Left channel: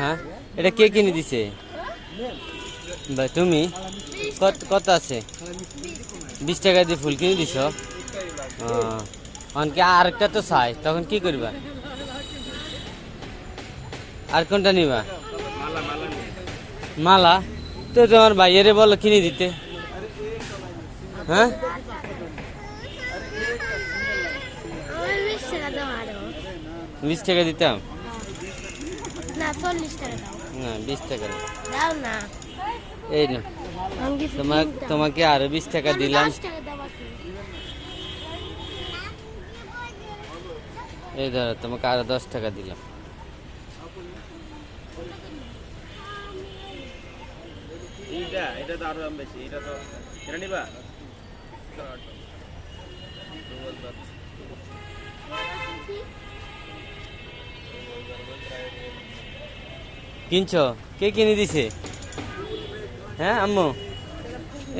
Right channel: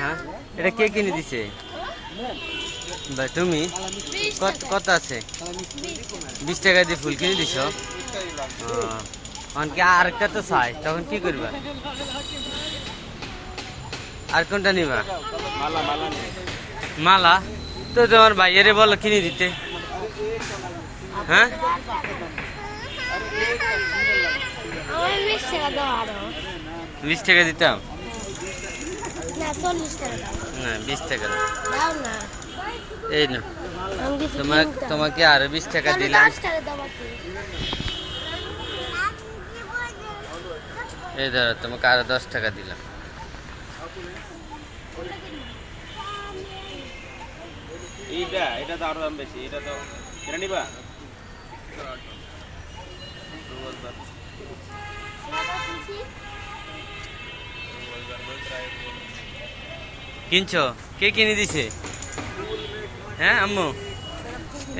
হ্যাঁ, এটা কে কিনে দিছে ভাই? তুমি কত আছে? 20 টাকা দিয়ে ফুল কিনে দিছ? কি আরেকটা তো চাই, তখন কি করবা? আর কোনটা নিবা? মালা তো তোমার ভাইয়ারে বলো কিনে দিতে। হ্যাঁ, 20 টাকা দিতাম না, 20 টাকা না। এই না, তোমাকে আরো 20 টাকা দিলাম। এই ধরো, তোমাকে আরো 10 টাকা দিলাম। এটা তো আরো দাম বেশি, এটা তো এটা নিবা। কিনছো? কে কিনে দিছে? হ্যাঁ আম্মু,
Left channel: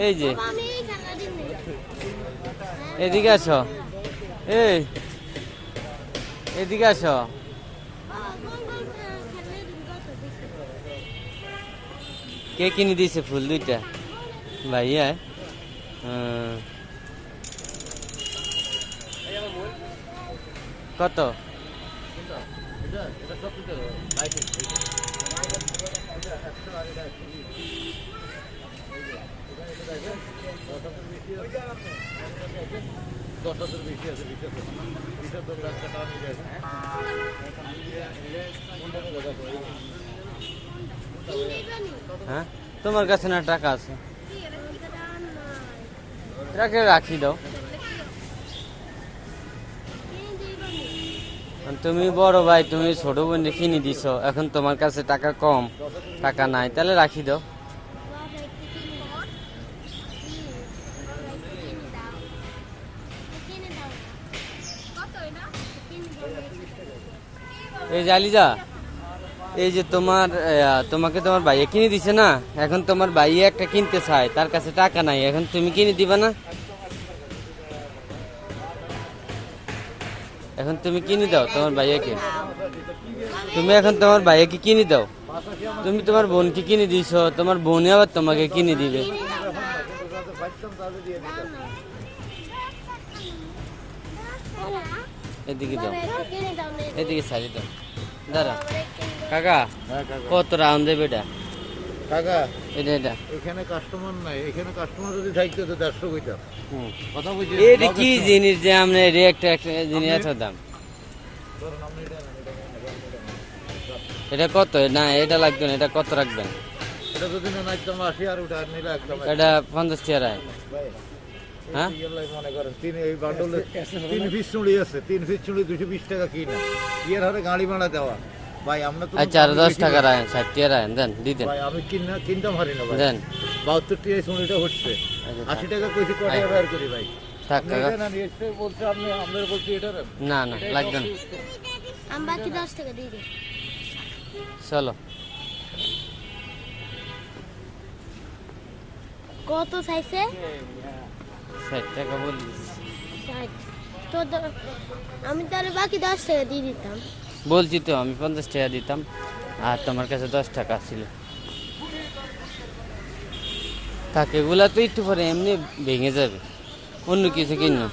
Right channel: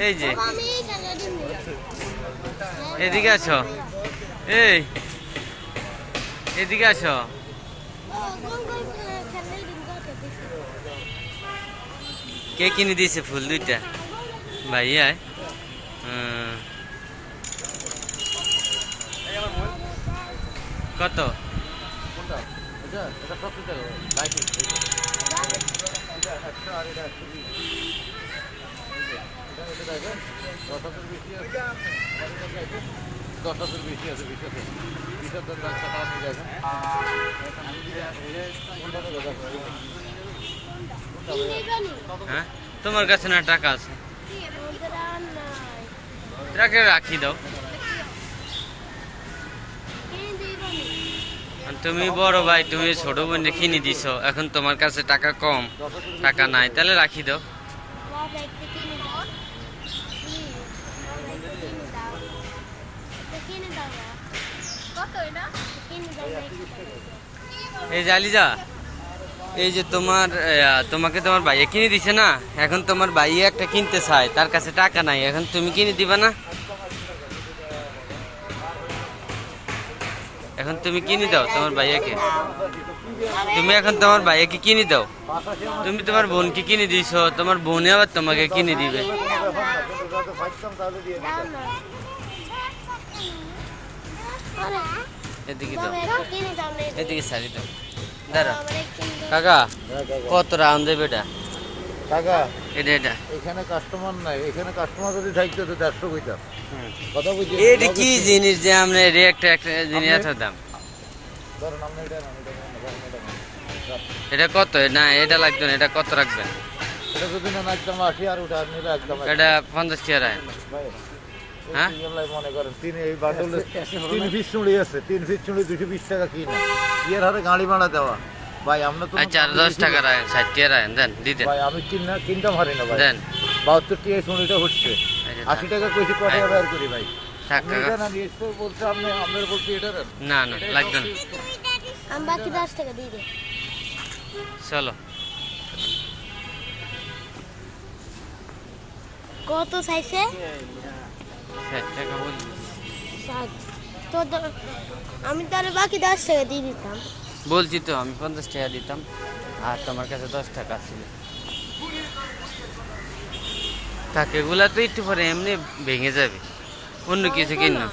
এই যে এদিকে আসো, এই এদিকে আসো। কে কিনে দিয়েছে ফুল দুইটা? ভাইয়া। কত? হ্যাঁ, তোমার কাছে না টাকা আছে? টাকা রাখি দাও। তুমি বড় ভাই, তুমি ছোট বোন কিনে দিছ, এখন তোমার কাছে টাকা কম, টাকা নাই, তাহলে রাখি দাও। এই জালিজা, এই যে তোমাকে তোমার ভাইয়া কিনে দিছে না, এখন তোমার ভাইয়া একটা কিনতে চায়, তার কাছে টাকা নাই, এখন তুমি কিনে দিবা না? এখন তুমি কিনে দাও তোমার ভাইয়াকে। তুমি এখন তোমার ভাইয়াকে কিনে দাও। তুমি তোমার বোনকে কিনে দিছ, তোমার বোনে আবার তোমাকে কিনে দিবে। এদিকে দাও, এদিকে সারি দাও। দাঁড়া কাকা, কত রাউন্ড দেবে এটা? কাকা, এটা এখানে কাস্টমার নাই, এখানে কাস্টমার যদি থাকতো তো 150 কইতা। কথা বুঝি? এটা কি জিনিস যে আমরা একটা জিনিস এত দাম? এটা কত? না এটা লাগবে না, এটা কত রাখবেন? এটা যদি না একদম 80 আর ওটা নিলে একদম এটা 50 টাকা। হ্যাঁ, মনে করেন এই বান্ডলে 3 পিস চুড়ি আছে, 3 পিস চুড়ি 220 টাকা কিনা, এর হারে গাড়ি ভাড়া দেওয়া। ভাই আমরা তো আচ্ছা, আর 10 টাকা রাখেন, 60 টাকা রাখেন, দেন দিতেন। ভাই আমি কিনতাম হারি না ভাই, দেন 72 টাকা চুড়িটা হচ্ছে, 80 টাকা কইছি কত ব্যবহার করি ভাই। টাকা এটা না এসে বলতে আপনি আমাদের বলতে এটা না না লাগবে না। আমি বাকি 10 টাকা দিয়ে দিই। চলো, কত চাইছে? 60 টাকা বলি। 60 তো আমি তাহলে বাকি 10 টাকা দিয়ে দিতাম। বলছি তো আমি 50 টাকা দিতাম, আর তোমার কাছে 10 টাকা ছিল। টাকাগুলা তো একটু পরে এমনি ভেঙে যাবে, অন্য কিছু কিনো।